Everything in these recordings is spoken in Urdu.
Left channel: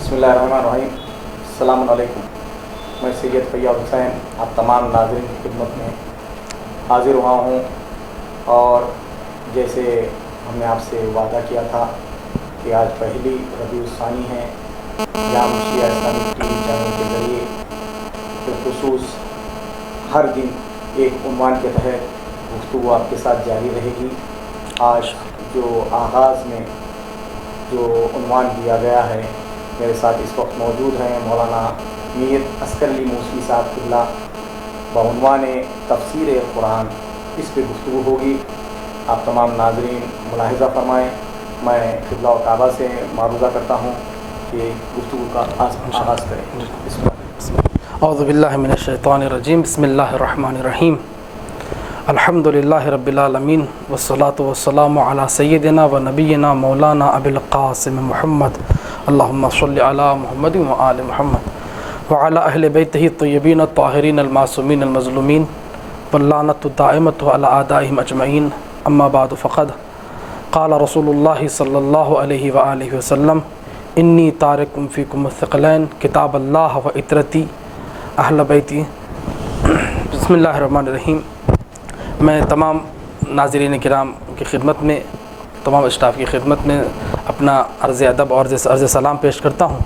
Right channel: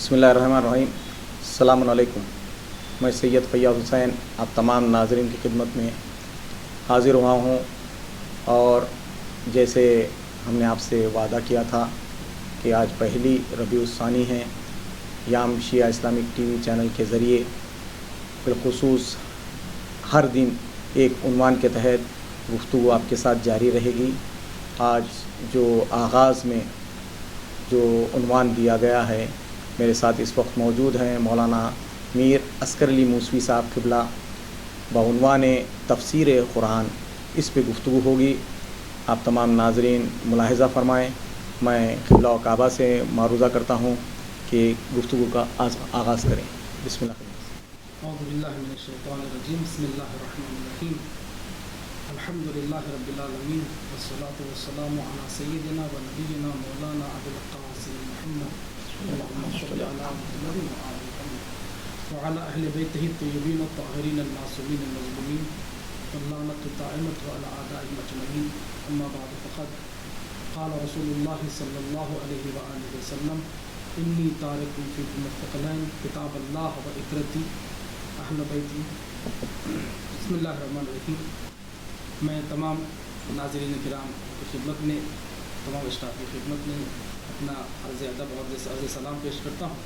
بسم اللہ الرحمن الرحیم. السلام علیکم. میں سید فیاض حسین آپ تمام ناظرین کی خدمت میں حاضر ہوا ہوں، اور جیسے ہم نے آپ سے وعدہ کیا تھا کہ آج پہلی ربیع الثانی ہے، یام شیعہ اسلامک ٹی وی چینل کے ذریعے بالخصوص ہر دن ایک عنوان کے تحت گفتگو آپ کے ساتھ جاری رہے گی. آج جو آغاز میں جو عنوان دیا گیا ہے، میرے ساتھ اس وقت موجود ہیں مولانا میر عسکر علی موسوی صاحب قبلہ، بعنوان تفسیر قرآن. اس پہ گفتگو ہوگی. آپ تمام ناظرین ملاحظہ فرمائیں. میں قبلہ و کعبہ سے معروضہ کرتا ہوں کہ گفتگو کا آغاز کریں. بسم اللہ. اعوذ باللہ من الشیطان الرجیم. بسم اللہ الرحمن الرحیم. الحمد للہ رب العالمین والصلاة والسلام علی سیدنا و نبینا مولانا ابی القاسم محمد. اللہم صلی علی محمد و آل محمد وعلی اہل بیتہ الطیبین الطاہرین المعصومین المظلومین واللعنۃ الدائمۃ علی اعدائہم اجمعین. اما بعد فقد قال رسول اللہ صلی اللہ علیہ وآلہ وسلم انی تارک فیکم الثقلین کتاب اللہ و اطرتی اہل بیتی. بسم اللہ الرحمن الرحیم. میں تمام ناظرین کرام کی خدمت میں، تمام اسٹاف کی خدمت میں اپنا عرض ادب اور عرض سلام پیش کرتا ہوں.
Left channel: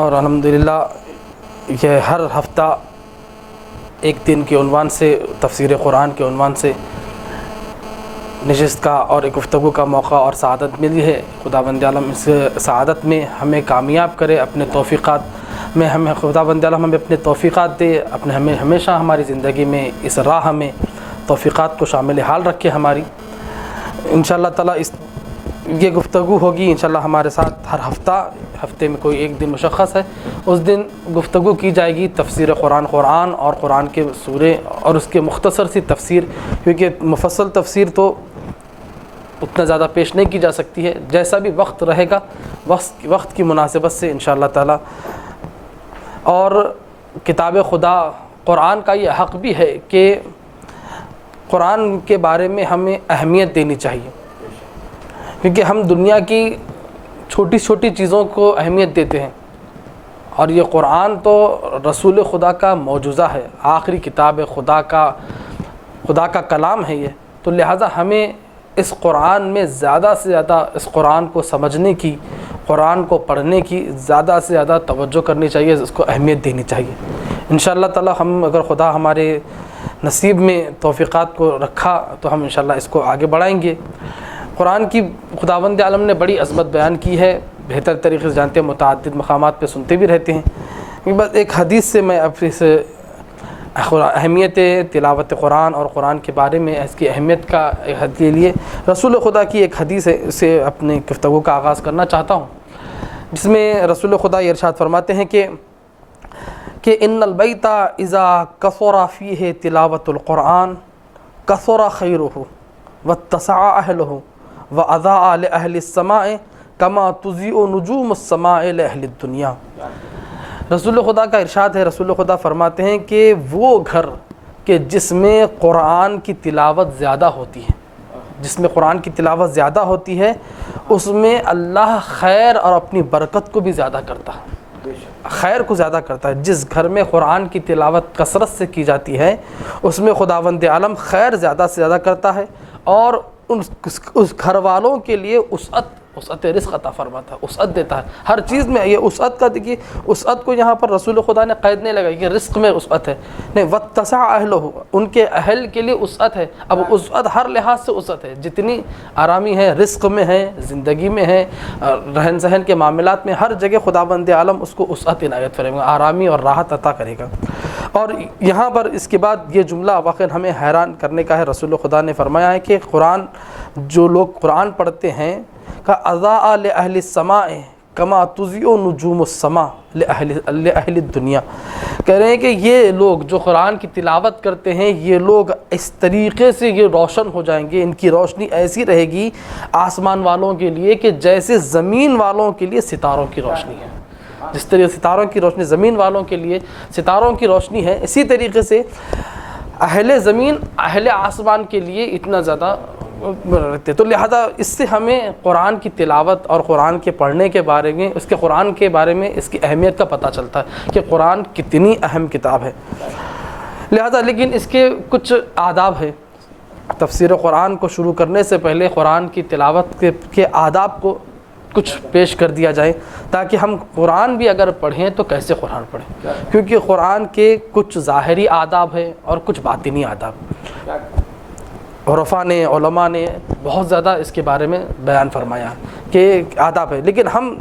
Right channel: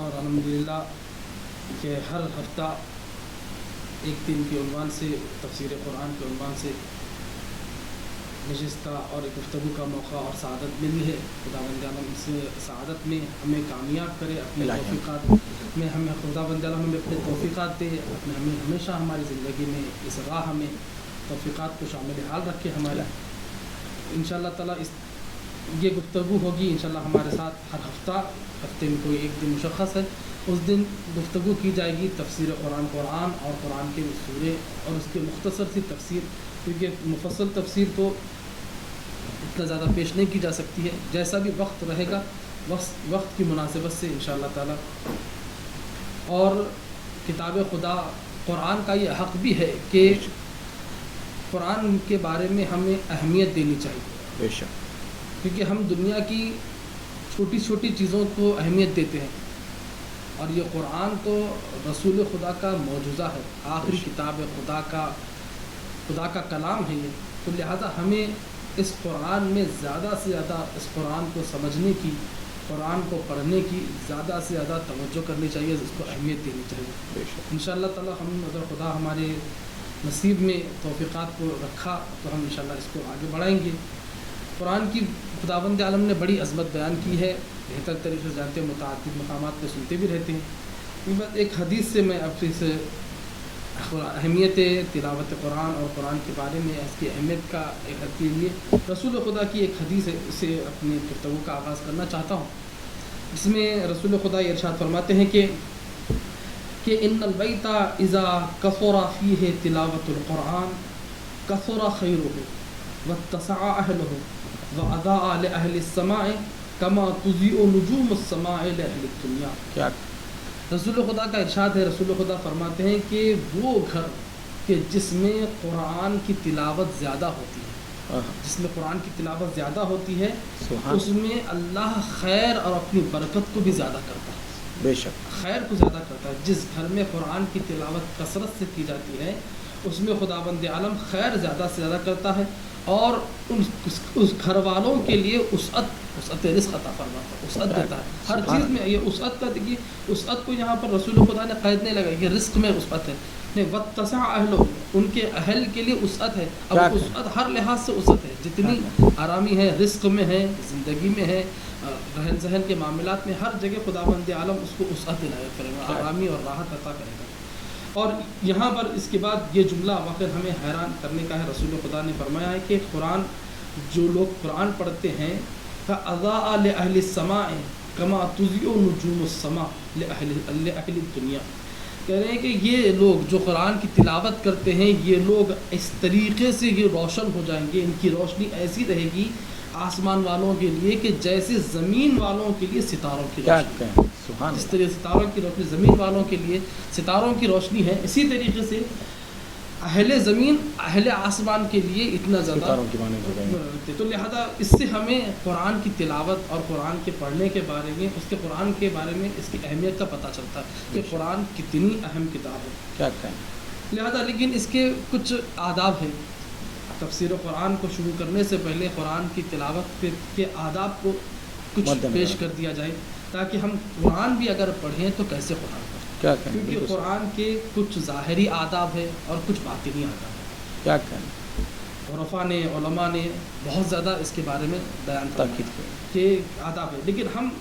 اور الحمدللہ یہ ہر ہفتہ ایک دن کے عنوان سے، تفسیر قرآن کے عنوان سے نشست کا اور ایک گفتگو کا موقع اور سعادت ملی ہے. خداوند عالم اس سعادت میں ہمیں کامیاب کرے، اپنے توفیقات میں ہمیں خداوند عالم ہمیں اپنے توفیقات دے، اپنے ہمیں ہمیشہ ہماری زندگی میں اس راہ میں توفیقات کو شامل حال رکھے ہماری. انشاءاللہ تعالیٰ یہ گفتگو ہوگی انشاءاللہ ہمارے ساتھ ہر ہفتے میں کوئی ایک دن مشخص ہے، اس دن گفتگو کی جائے گی تفسیر قرآن اور قرآن کے سورے اور اس کے مختصر سی تفسیر، کیونکہ مفصل تفسیر تو اتنا زیادہ پیش نہیں کی جا سکتی ہے. جیسا بھی وقت رہے گا وقت کی مناسبت سے انشاءاللہ تعالیٰ. اور کتاب خدا قرآن کا یہ حق بھی ہے کہ قرآن کے بارے میں ہمیں اہمیت دینی چاہیے، کیونکہ ہم دنیا کی چھوٹی چھوٹی چیزوں کو اہمیت دیتے ہیں، اور یہ قرآن تو رسول خدا کا معجزہ ہے، آخری کتاب خدا کا کلام ہے یہ. تو لہٰذا ہمیں اس قرآن میں زیادہ سے زیادہ اس قرآن کو سمجھنے کی، قرآن کو پڑھنے کی زیادہ سے زیادہ توجہ کرنی چاہیے، اس کو اہمیت دینی چاہیے. انشاءاللہ تعالی ہم اگر خدا ہمارے نصیب میں توفیقات کو رکھا تو ہم انشاءاللہ اس کو آگے بڑھائیں گے. قرآن کی خداوند عالم نے بڑی عظمت بیان کی ہے، بہتر طریقے سے جانتے ہیں، متعدد مقامات پہ سنتے بھی رہتے ہیں. بس ایک حدیث سے میں اب اس اہمیت تلاوت قرآن اور قرآن کے بارے میں اس کی اہمیت کا حد کے لیے رسول خدا کی ایک حدیث ہے، اسے اپنے گفتگو کا آغاز کرنا چاہتا ہوں، جس میں رسول خدا یہ ارشاد فرماتے ہیں کہ ان البیت اذا کثر فیہ تلاوت القرآن کثر خیرہ واتسع اہلہ واضاء لأہل السماء کما تضیء نجوم السماء لأہل الدنیا. رسول خدا کا ارشاد ہے، رسول خدا فرماتے ہیں کہ وہ گھر کہ جس میں قرآن کی تلاوت زیادہ ہوتی ہے، جس میں قرآن کی تلاوت زیادہ ہوتی ہے، اس میں اللہ خیر اور اپنی برکت کو بھی زیادہ کرتا ہے. بے شک خیر کو زیادہ کرتا ہے. جس گھر میں قرآن کی تلاوت کثرت سے کی جاتی ہے اس میں خداوند عالم خیر زیادہ سے زیادہ کرتا ہے، اور اس گھر والوں کے لیے وسعت رزق عطا فرماتا ہے، وسعت دیتا ہے ہر چیز میں. یہ وسعت کا دیکھیے، وسعت کو یہاں پر رسول خدا نے قید نہیں لگائی کہ رزق میں وسعت ہے، نہیں، واتسع اہلہ، ان کے اہل کے لیے وسعت ہے. اب وسعت ہر لحاظ سے وسعت ہے، جتنی آرامی ہے رزق میں ہے، زندگی میں ہے، رہن سہن کے معاملات میں، ہر جگہ خداوند عالم اس کو وسعت عنایت فرمائے گا، آرامی اور راحت عطا کرے گا. اور یہاں پر اس کے بعد یہ جملہ واقعا ہمیں حیران کرنے کا ہے. رسول خدا نے فرمایا ہے کہ قرآن، جو لوگ قرآن پڑھتے ہیں، کا اضاء لأہل السماء کما تضیء نجوم السماء لأہل الدنیا. کہہ رہے ہیں کہ یہ لوگ جو قرآن کی تلاوت کرتے ہیں، یہ لوگ اس طریقے سے یہ روشن ہو جائیں گے، ان کی روشنی ایسی رہے گی آسمان والوں کے لیے کہ جیسے زمین والوں کے لیے ستاروں کی روشنی ہے. جس طرح ستاروں کی روشنی زمین والوں کے لیے ستاروں کی روشنی ہے، اسی طریقے سے اہل زمین، اہل آسمان کے لیے اتنا زیادہ رکھتے. تو لہذا اس سے ہمیں قرآن کی تلاوت اور قرآن کے پڑھنے کے بارے میں، اس کے قرآن کے بارے میں اس کی اہمیت کا پتہ چلتا ہے کہ قرآن کتنی اہم کتاب ہے. لہذا لیکن اس کے کچھ آداب ہے. تفسیر قرآن کو شروع کرنے سے پہلے قرآن کی تلاوت کے آداب کو کچھ پیش کر دیا جائے تاکہ ہم قرآن بھی اگر پڑھیں تو کیسے قرآن پڑھیں، کیونکہ قرآن کے کچھ ظاہری آداب ہیں اور کچھ باطنی آداب ہیں. عرفا نے، علماء نے بہت زیادہ اس کے بارے میں بیان فرمایا کہ آداب ہے، لیکن ہم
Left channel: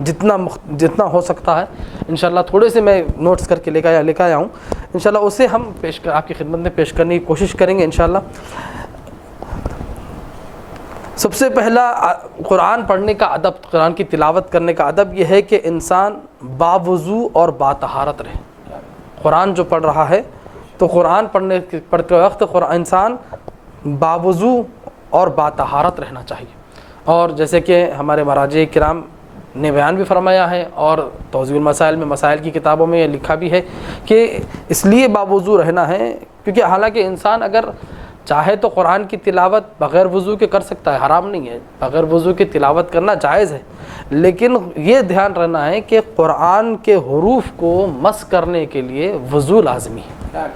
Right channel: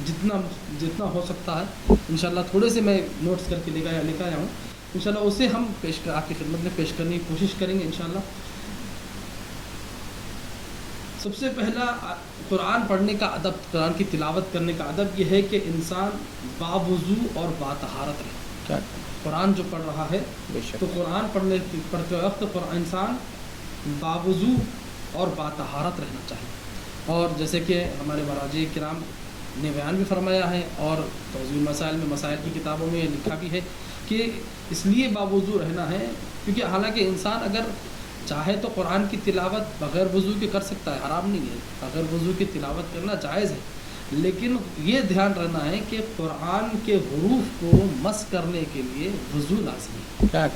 جتنا ہو سکتا ہے انشاءاللہ تھوڑے سے میں نوٹس کر کے لے کے آیا ہوں، انشاءاللہ اسے ہم آپ کی خدمت میں پیش کرنے کی کوشش کریں گے انشاءاللہ. سب سے پہلا قرآن پڑھنے کا ادب، قرآن کی تلاوت کرنے کا ادب یہ ہے کہ انسان باوضو اور باطہارت رہے. قرآن جو پڑھ رہا ہے تو قرآن پڑھتے وقت انسان باوضو اور باطہارت رہنا چاہیے. اور جیسے کہ ہمارے مراجع کرام نے بیان بھی فرمایا ہے اور توضیح المسائل میں، مسائل کی کتابوں میں یہ لکھا بھی ہے کہ اس لیے باوضو رہنا ہے کیونکہ حالانکہ انسان اگر چاہے تو قرآن کی تلاوت بغیر وضو کے کر سکتا ہے، حرام نہیں ہے، بغیر وضو کی تلاوت کرنا جائز ہے، لیکن یہ دھیان رہنا ہے کہ قرآن کے حروف کو مس کرنے کے لیے وضو لازمی ہے.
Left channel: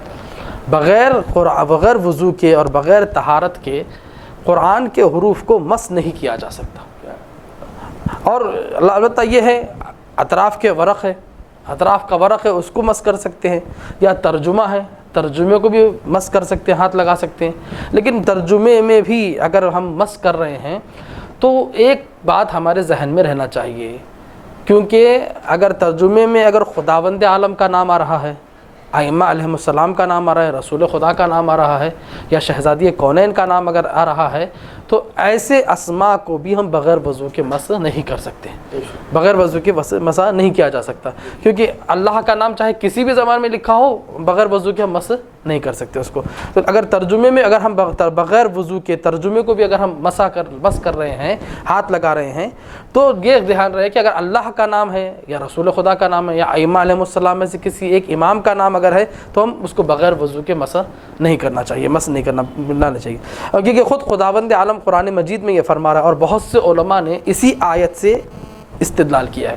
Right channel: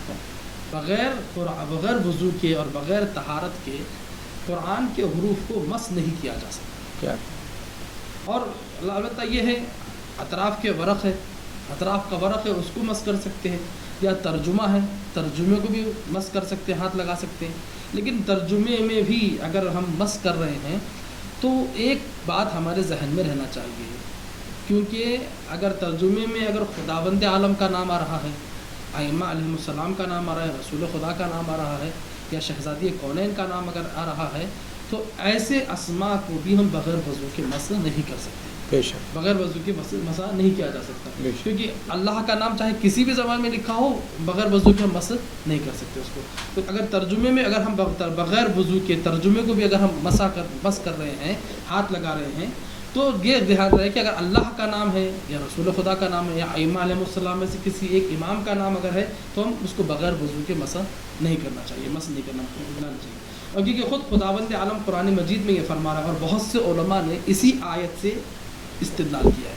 بغیر وضو کے اور بغیر طہارت کے قرآن کے حروف کو مس نہیں کیا جا سکتا. اور البتہ یہ ہے اطراف کے ورق ہے، اطراف کا ورق ہے اس کو مس کر سکتے ہیں، یا ترجمہ ہے، ترجمے کو بھی مس کر سکتے ہیں، ہاتھ لگا سکتے ہیں. لیکن ترجمے میں بھی اگر ہم مس کر رہے ہیں تو ایک بات ہمارے ذہن میں رہنا چاہیے، کیونکہ اگر ترجمے میں اگر خداوند عالم کا نام آ رہا ہے، ائمہ علیہم السلام کا نام آ رہا ہے، رسول خدا کا نام آ رہا ہے، یا شہزادی کونین کا نام اگر آ رہا ہے، تو ایسے اسماء کو بھی ہم بغیر وضو کے مس نہیں کر سکتے. بغیر وضو کے مسا نہیں کیا جا سکتا، کیونکہ اللہ کا نام چاہے کسی بھی زبان میں لکھا ہو بغیر وضو کے ہم مس نہیں کر سکتے اس کو. تو اگر ترجمے میں اگر ہم بغیر وضو کے ترجمے کو بھی اگر ہم مس کر رہے ہیں، ہاتھ لگا رہے ہیں، تو یہ دھیان رہے کہ اگر اللہ کا نام ہے یا رسول خدا کا نام ہے یا ائمہ علیہم السلام میں سے کسی ایک امام کا نام اگر ہے تو ہم اس کو بغیر وضو کے مس نہیں کرنا چاہیے، مس نہیں کرنا چاہیے. اور کیونکہ خود خداوند عالم قرآن مجید میں یہ فرما رہا ہے، اور بہت سے علماء نے اسی آیت سے استدلال کیا ہے.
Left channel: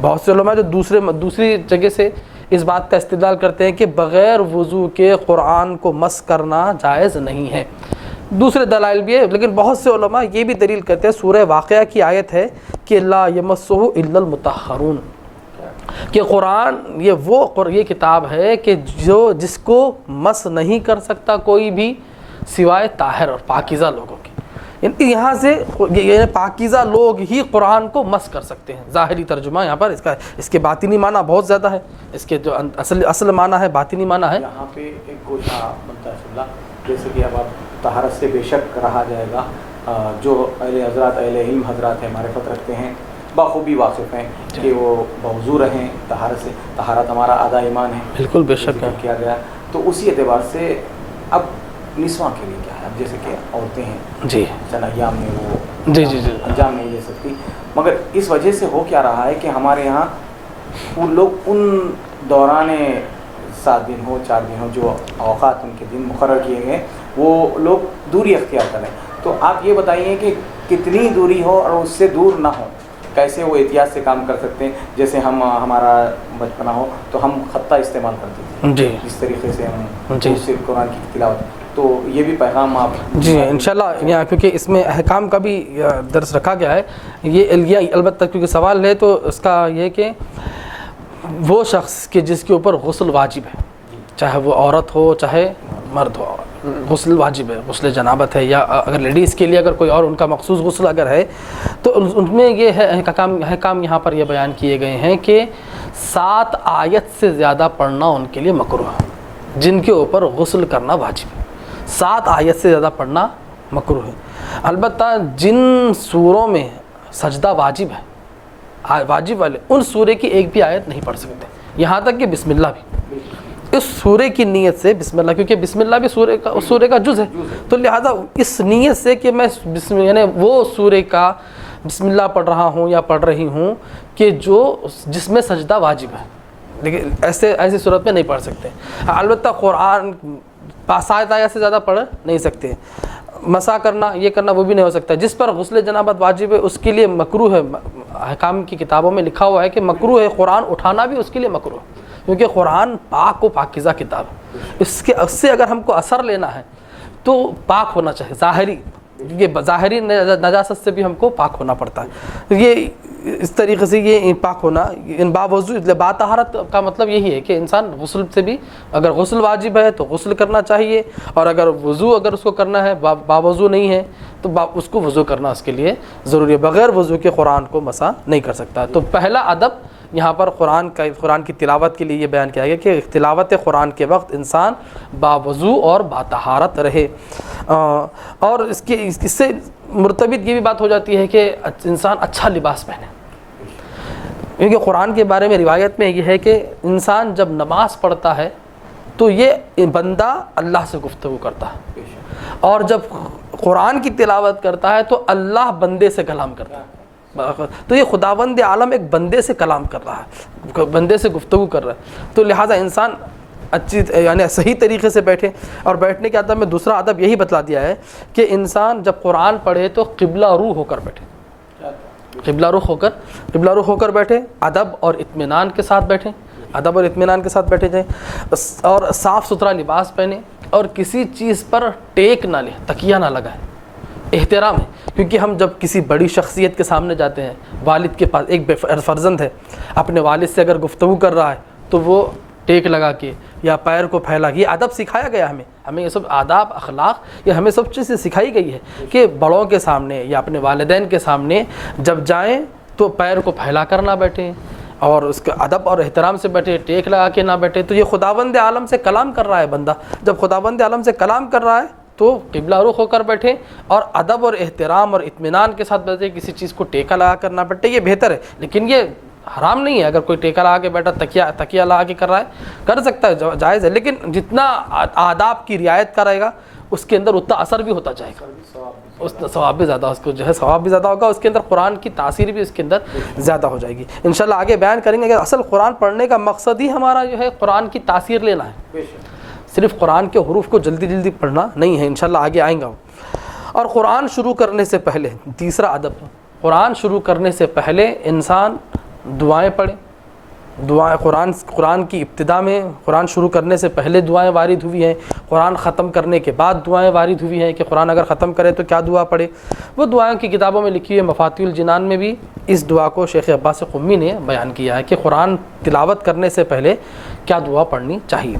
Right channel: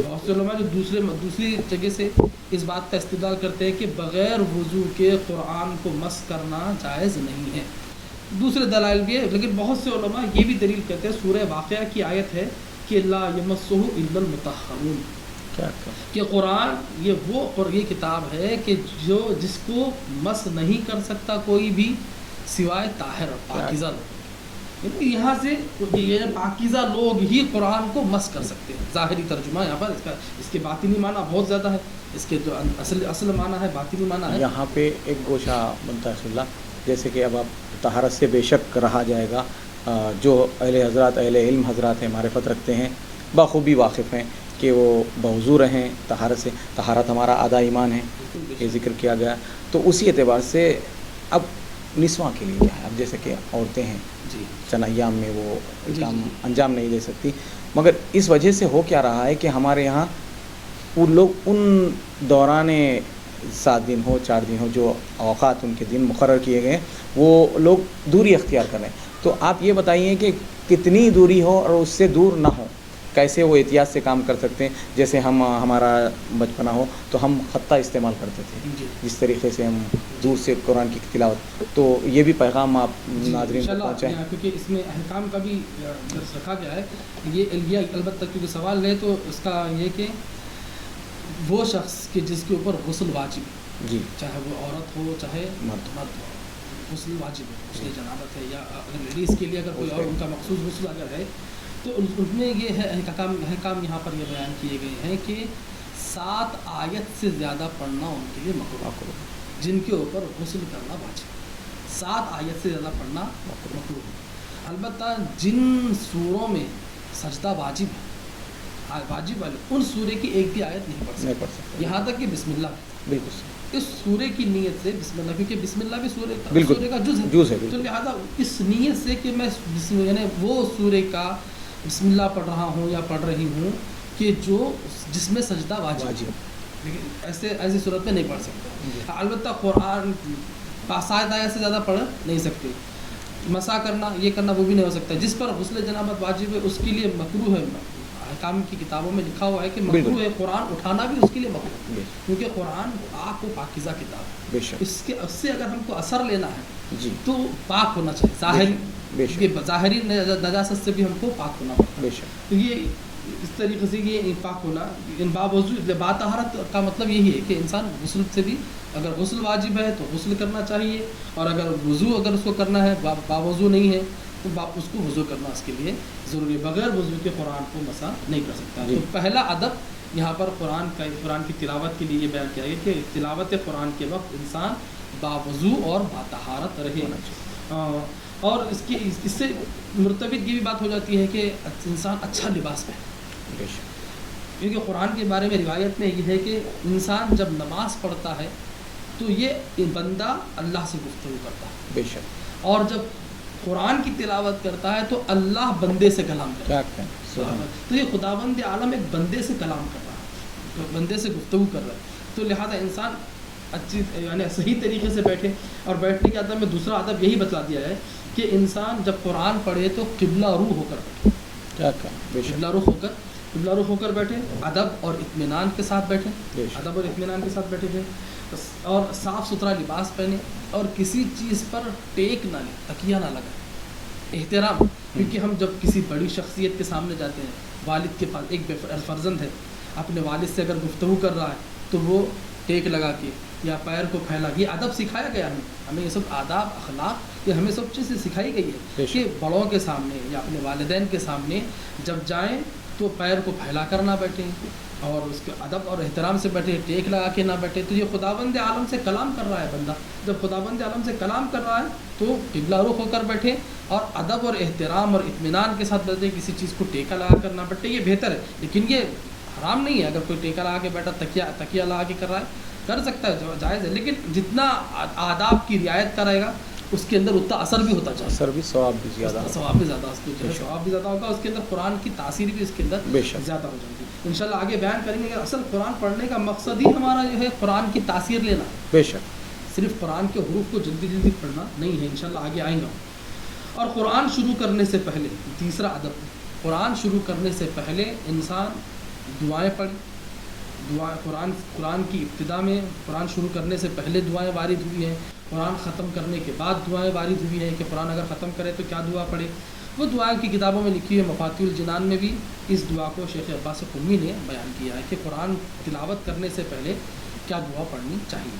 بہت سے علماء جو دوسری جگہ سے اس بات کا استدلال کرتے ہیں کہ بغیر وضو کے قرآن کو مس کرنا جائز نہیں ہے. دوسرے دلائل بھی ہے، لیکن بہت سے علماء یہ بھی دلیل کرتے ہیں، سورہ واقعہ کی آیت ہے کہ لا یمسہ الا المطہرون، کہ قرآن یہ کتاب ہے کہ جس کو مس نہیں کر سکتا کوئی بھی سوائے طاہر اور پاکیزہ لوگوں کے. یہاں سے پاکیزہ لوگ ہی قرآن کو مس کر سکتے ہیں. ظاہری ترجمہ یہاں پر اس کے باطنی معنی بہت زیادہ ہے، اس کے جو اصل معنی ہے باطنی معنی ہے. یہاں پہ ایک گوشہ بنتا ہے رسول اللہ، جیسے کہ اب آپ طہارت سے بے شک رہا جائے گا، جو اہل علم حضرات ہیں، معرفت رکھتے ہیں، بخوبی واقف ہیں کہ وہ بوضو رہیں طہارت سے. طہارت ہمارا آدھا ایمان ہے، بالکل بے شک ذکر کیا گیا. تو اسی اعتبار سے اب نسواں کے لیے کیا ہے، اب جیسے کہ عورتیں ہیں جی چند ایام میں وہ جی انجام نہیں دے سکتی، مگر اس وجہ سے ہو کیا رہا ہے کہ ہمارے یہاں وہ لوگ ان دوران 7 دن ہو 4 دن ہو جو اوقات ان کے دن مقرر کیے گئے وہ لوگ دوری اختیار کریں. تو آپ یہ بتائیے کہ کتنی دوری ہو اور اس سے دور نہ ہو، کیسے وہ احتیاط سے کام کر سکتے ہیں. جیسے ہمارا بچپنا ہو تو ہم خطہ استعمال کرتے تھے، جی جس طریقے سے ہم اس سے قرآن کی تلاوت. تو یہ بھی پیغام آپ جی انشاءاللہ یہاں، کیونکہ اس میں احکام کا بھی درس رکھا گیا ہے. یہ البتہ کیونکہ سوال ہے تو اس کا یہ کہ وہ شخص کہ جس کے اوپر غسل واجب ہے، جی چاہے وہ عورت ہو چاہے مرد ہو، غسل واجب ہے، غسل جنابت ہے، یا اگر لیڈیز کے لیے اگر کوئی اور ان کا مخصوص غسل اگر ہے تو ان میں یہ ہے احکام یہاں پر یہ بیان کیے گئے ہیں کہ 7 آیت سے زیادہ پڑھنا ان کے لیے مکروہ ہے، جن کے اوپر غسل کرنا واجب ہے. 7 آیت سے زیادہ پڑھنا مکروہ ہے. البتہ جن سوروں میں سجدہ واجب ہے، واجب والے ان سورے کی ایک بھی آیت نہیں پڑھ سکتے، یہاں تک کہ بسم اللہ بھی. اس سورے کی نیت سے بسم اللہ، کیونکہ بسم اللہ بھی سورے کا جز ہے، تو لہذا اس نیت سے کہ میں یعنی وہ سورے کا بسم اللہ پڑھ رہا ہوں یا پڑھ رہی ہوں کہ جس میں سجدہ واجب ہے، لیکن ایسی صورت میں نہیں پڑھ سکتے. البتہ قرآن 7 آیت سے زیادہ پڑھ نہیں سکتے. مسا کرنا یہ کرنا وہ بھی نہیں ہو سکتا. جس پر غسل جنابت واجب ہے اس کے لیے مکروہ ہے. احکام کی کتابوں میں لکھا ہوا ہے کہ مکروہ ہے. قرآن اٹھانا بھی اس کے لیے مکروہ ہے کیونکہ قرآن پاک و پاکیزہ کتاب ہے. اس سے اگر ہم کو اثر لینا ہے تو پاک ہونا چاہیے. ظاہری یہ ظاہری نجاست سے بھی ہم کو پاک ہونا پڑتا ہے. یہ اس طریقے سے یہ پاک ہونا ان باوضو باطہارت کا مطلب یہی ہے کہ انسان غسل سے بھی اگر غسل واجب ہے تو غسل کرنا چاہیے, اور اگر وضو اگر اس کو کرنا ہے باوضو نہیں ہے تو اس کو وضو کرنا اس کے لیے ضروری ہے. بغیر وضو کے قرآن کو مسا نہیں کر سکتا. تو پہلا ادب یہاں پر قرآن کی تلاوت کے لیے یہ بیان کیا گیا کہ تلاوت قرآن کے وقت انسان باوضو اور باطہارت رہے. اور اس سے مرتبط یہ بھی بات ہو جاتی ہے کہ انسان اچھا لباس پہنے, کیونکہ قرآن کے بارے میں روایت میں یہ ہے کہ انسان جب نماز پڑھتا ہے تو یہ بندہ اللہ سے گفتگو کرتا ہے, اور جب قرآن کی تلاوت کرتا ہے تو اللہ بندے سے کلام کرتا ہے. تو یہ خداوند عالم ایک بندے سے کلام کر رہا ہے, بندے سے گفتگو کر رہا ہے. تو لہٰذا انسان اچھی یعنی صحیح طریقے سے بیٹھے. اور بیٹھنے کے ادب میں دوسرا ادب یہی بتلا دیا ہے کہ انسان جب قرآن پڑھے تو قبلہ روح ہو کر بیٹھے. قبلہ رخ ہو کر بیٹھے, ادب اور اطمینان کے ساتھ بیٹھیں, ادب اور اطمینان کے ساتھ بیٹھے جائیں, اور صاف ستھرا لباس پہنے, اور کسی چیز پر ٹیک نہ لیں, تکیہ نہ لگائیں. احترام ہے, کیونکہ ہم جب کسی بڑی شخصیت کے سامنے جاتے ہیں, والد کے پاس ایک فرزند ہے اپنے والد سے اگر گفتگو کر رہا ہے تو وہ ٹیک لگا کے یا پیر کو پھیلا, یہ ادب سکھایا گیا ہمیں یہ سب آداب اخلاق یہ ہمیں سب چیزیں سکھائی گئی ہے کہ بڑوں کے سامنے یا اپنے والدین کے سامنے جب جائیں تو پیر کو پھیلا کر نہ بیٹھیں, اور اس کے ادب اور احترام سے بیٹھے, ٹیک لگا کے نہ بیٹھے. تو یہ خداوند عالم سے کلام کر رہا ہے بندہ, جب خداوند عالم سے کلام کر رہا ہے تو قبلہ رخ ہو کر بیٹھے اور ادب اور احترام اور اطمینان کے ساتھ بیٹھے, کسی چیز کو ٹیکا لگا کر نہ بیٹھے. یہ بہتر ہے, لیکن یہ حرام نہیں ہے. اگر کوئی ٹیکا لگا کے بیٹھا, تکیہ لگا کے کر رہا ہے, کر سکتا ہے, جائز ہے, لیکن جتنا آداب کی رعایت کرے گا اس کے اندر اتنا اثر بھی ہوتا چاہیے, ثواب بھی زیادہ, اس کو جو ہے ثواب بھی زیادہ ہوگا, اس کے اندر قرآن کی تاثیر بھی اس کے اندر زیادہ ہو جائے گی. انشاءاللہ آگے بیان کریں گے کہ اصل قرآن پڑھنے کا مقصد ہی ہمارا جو ہے قرآن کی تاثیر لینا ہے, بے شک, صرف قرآن کے حروف کو جلدی جلدی پڑھنا نہیں ہے. انشاءاللہ آگے آئیں گا. اور قرآن شروع کرنے سے پہلے تیسرا ادب, قرآن شروع کرنے سے پہلے انسان دعائیں پڑھے. دعائیں قرآن کی ابتدا میں قرآن شروع کرنے سے پہلے دعائیں وارد ہوئی ہیں, قرآن ختم کرنے کے بعد دعائیں وارد ہوئی ہیں کہ قرآن اگر ختم کرے تو کیا دعا پڑھے. وہ دعائیں کی کتابوں میں لکھی ہے. مفاتیح الجنان میں بھی اس دعا کو شیخ عباس قمی نے بیان کیا ہے کہ قرآن تلاوت کرنے سے پہلے کیا دعا پڑھنی چاہیے.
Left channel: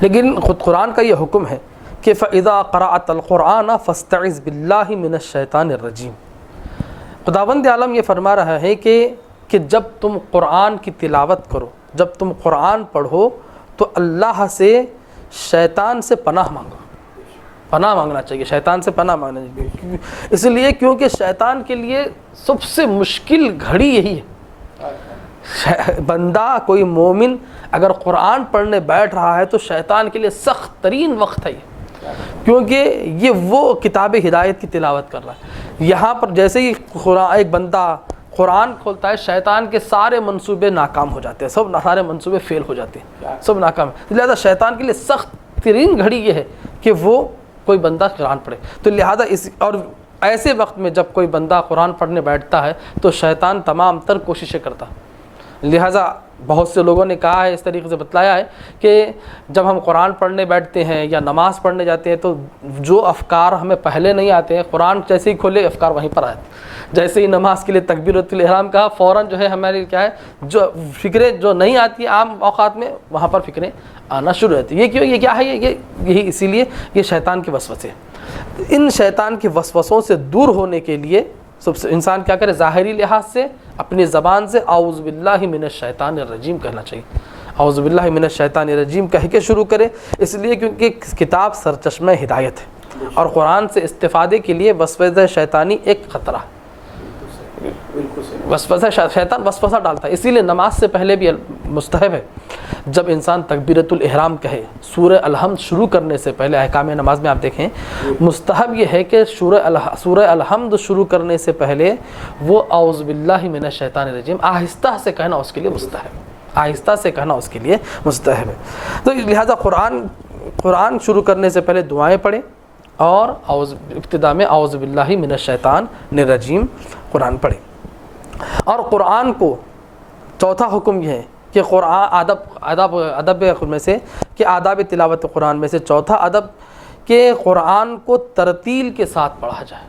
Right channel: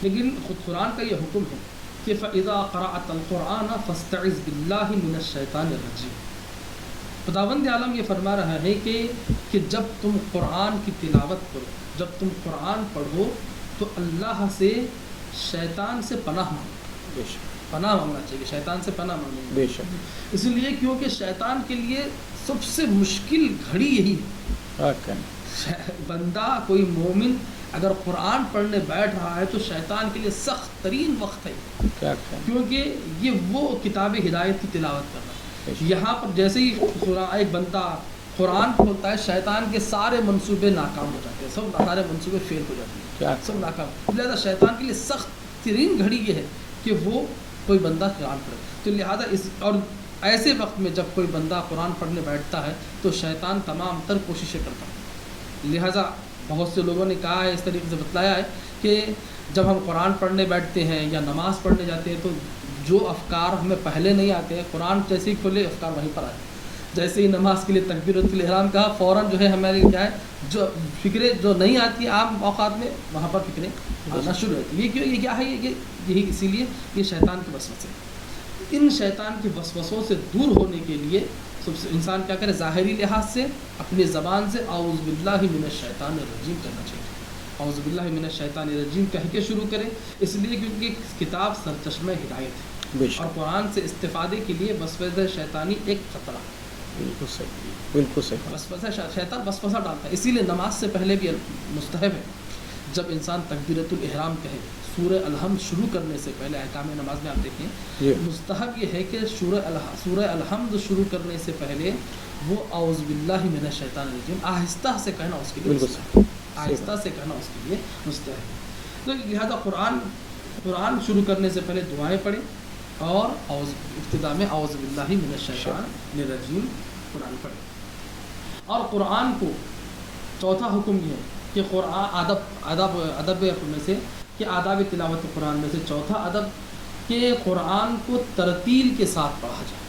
لیکن خود قرآن کا یہ حکم ہے کہ فَإِذَا قَرَأْتَ الْقُرْآنَ فَاسْتَعِذْ بِاللَّهِ مِنَ الشَّيْطَانِ الرَّجِيمِ. خداوند عالم یہ فرما رہا ہے کہ جب تم قرآن کی تلاوت کرو, جب تم قرآن پڑھو تو اللہ سے شیطان سے پناہ مانگو. پناہ مانگنا چاہیے, شیطان سے پناہ مانگنا چاہیے. اس لیے کیونکہ شیطان کے لیے سب سے مشکل گھڑی یہی ہے. بندہ کوئی مومن اگر قرآن پڑھنے بیٹھ رہا ہے تو شیطان کے لیے سخت ترین وقت ہے, کیونکہ یہ وہ کتاب ہدایت کی تلاوت کر رہا ہے. یہاں پر جیسے ہی ایک بندہ قرآن کھولتا ہے, شیطان کے سارے منصوبے ناکام ہو جاتے ہیں, سارے منصوبے فیل ہو جاتے ہیں, سب ناکام. لہذا شیطان کے لیے سخت ترین گھڑی یہ ہے کہ وہ کوئی بندہ قرآن پڑھے. تو لہذا اور ایسے وقت میں جب کوئی بندہ قرآن پڑھنے بیٹھتا ہے تو شیطان تمام تر کوششیں کرتا ہے. لہذا بہت سے لوگوں نے کہا ہے, اس طریقے سے بتلایا ہے کہ جب ہم قرآن پڑھنے بیٹھتے ہیں یا نماز پڑھنے جاتے ہیں تو جو افکار ہمیں پہلے نہیں آتے ہیں, قرآن جیسے ہی کھولے افکار وہیں پر آئے. جیسے ہی نماز کے لیے تکبیرۃ الاحرام کہا, فوراً جو ہے ہمارے کیا ہے جو فکریں جو نہیں آتی عام اوقات میں وہاں پر فکریں آنا شروع ہوتی. یہ کیوں, یہ کیا ہے, یہی اسی لیے یہ شیطان کے وسوسے ہیں. ان شیطان کے وسوسوں سے دور ہونے کے لیے سب سے انسان کیا کرے, ظاہری لحاظ سے اپنی زبان سے اعوذ باللہ من الشیطان الرجیم کہنا چاہیے. اعوذ باللہ من الشیطان الرجیم کہہ کے شروع کرے, اس لیے کیونکہ کتاب سرچشمہ ہدایت ہے, اور قرآن سے استفادے کے لیے وسوسہ شیطانی ایک خطرہ ہے. بالکل صحیح. وسوسہ شیطان وسوسہ ڈالتا ہے. اسی لیے نماز سے پہلے بھی مستحب ہے جب انسان تکبیرۃ الاحرام کہے, سورہ الحمد شروع کرنے سے پہلے احکام نماز میں آپ دیکھیں مستحب یہ ہے کہ سورہ الحمد شروع کرنے سے پہلے وہ اعوذ باللہ من الشیطان الرجیم آہستہ سے کہنا اس کے لیے مستحب ہے, آہستہ سے کہنا اس کے لیے مستحب ہے. تو لہذا قرآن شروع کرنے سے پہلے دعائیں پڑھیں, اور ابتدا میں اعوذ باللہ من الشیطان الرجیم قرآن پڑھیں. اور قرآن کو چوتھا حکم یہ ہے کہ قرآن ادب میں سے کہ آداب تلاوت قرآن میں سے چوتھا ادب کہ قرآن کو ترتیل کے ساتھ پڑھا جائے.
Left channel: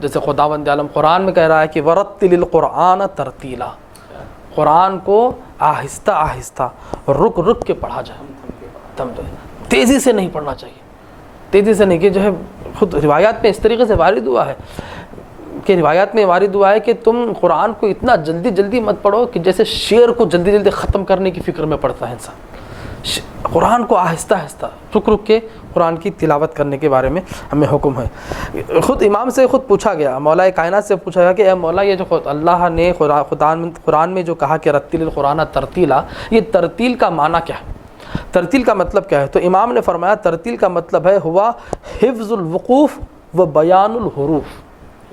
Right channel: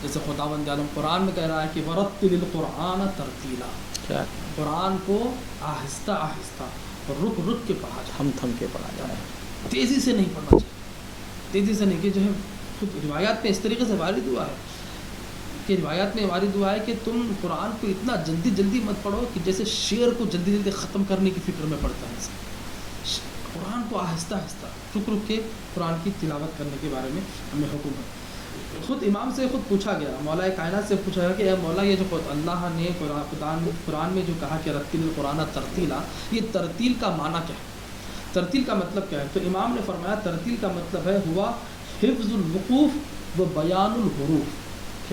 جیسے خداوند عالم قرآن میں کہہ رہا ہے کہ ورتل القرآن ترتیلا، قرآن کو آہستہ آہستہ رک رک کے پڑھا جائے، تھم کے پڑھا، تیزی سے نہیں پڑھنا چاہیے، تیزی سے نہیں. کہ جو ہے خود روایات میں اس طریقے سے وارد ہوا ہے کہ روایات میں وارد ہوا ہے کہ تم قرآن کو اتنا جلدی جلدی مت پڑھو کہ جیسے شعر کو جلدی جلدی ختم کرنے کی فکر میں پڑتا ہے انسان. قرآن کو آہستہ آہستہ رک رک کے قرآن کی تلاوت کرنے کے بارے میں ہمیں حکم ہے. خود امام سے خود پوچھا گیا، مولا کائنات سے پوچھا گیا کہ اے مولا یہ جو اللہ نے قرآن میں جو کہا کہ رتل القرآن ترتیلا، یہ ترتیل کا معنی کیا ہے؟ ترتیل کا مطلب کیا ہے؟ تو امام نے فرمایا ترتیل کا مطلب ہے ہوا حفظ الوقوف و بیان الحروف.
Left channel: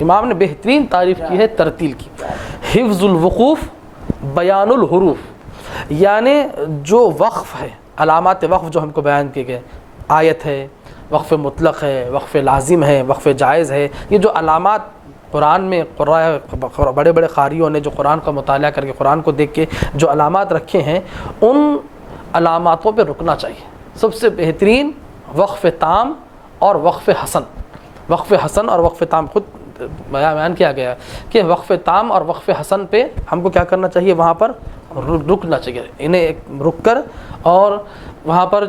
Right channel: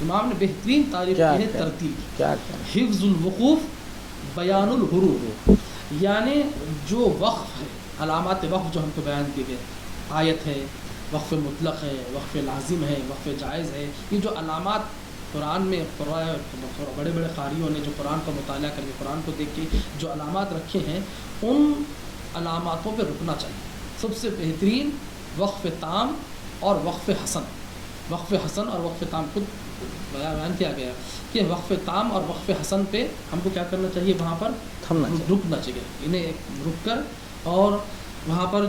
امام نے بہترین تعریف کی ہے ترتیل کی، حفظ الوقوف بیان الحروف، یعنی جو وقف ہے، علامات وقف جو ہم کو بیان کیے گئے، آیت ہے، وقف مطلق ہے، وقف لازم ہے، وقف جائز ہے، یہ جو علامات قرآن میں بڑے بڑے قاریوں نے جو قرآن کا مطالعہ کر کے قرآن کو دیکھ کے جو علامات رکھے ہیں، ان علاماتوں پہ رکنا چاہیے. سب سے بہترین وقف تام اور وقف حسن. وقف حسن اور وقف تام خود بیان کیا گیا کہ وقف تام اور وقف حسن پہ ہم کو کیا کرنا چاہیے؟ وہاں پر رکنا چاہیے، انہیں رک کر اور وہاں پر